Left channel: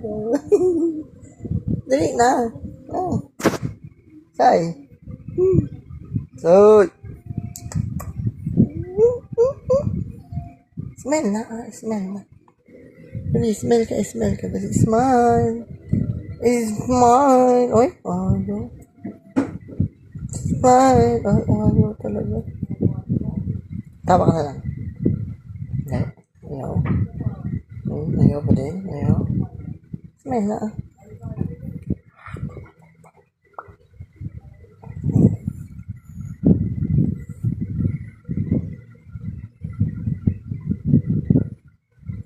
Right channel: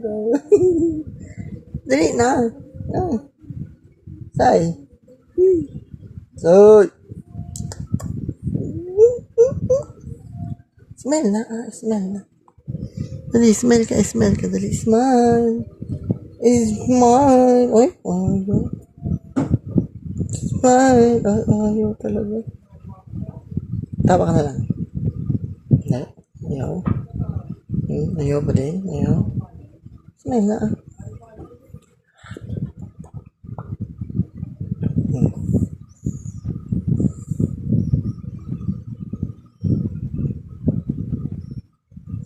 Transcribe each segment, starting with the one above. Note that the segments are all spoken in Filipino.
go. Dali na. Ah. Say. So. Smell na. Smell na. Dali, smell ka. Dali, smile. Smile. Oy, ayaw. Smile. Ay, ayaw talaga. Tawa ka na lang. Hindi. Ayaw. Ayaw pa din. Ayaw. Smile na.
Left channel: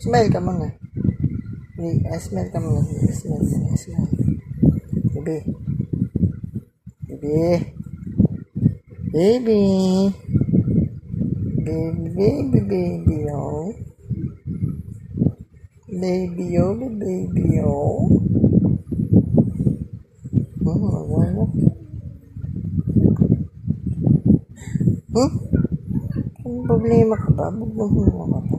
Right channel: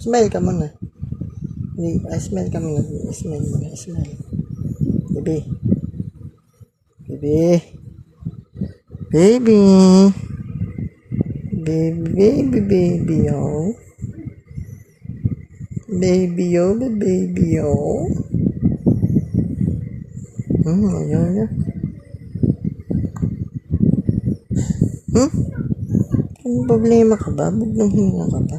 Smile ka muna. Smile ka muna. Smile. Baby. Baby, oh. Baby, oh. Ayaw na. Anong problema ka ba? Buglang hinga ka ba?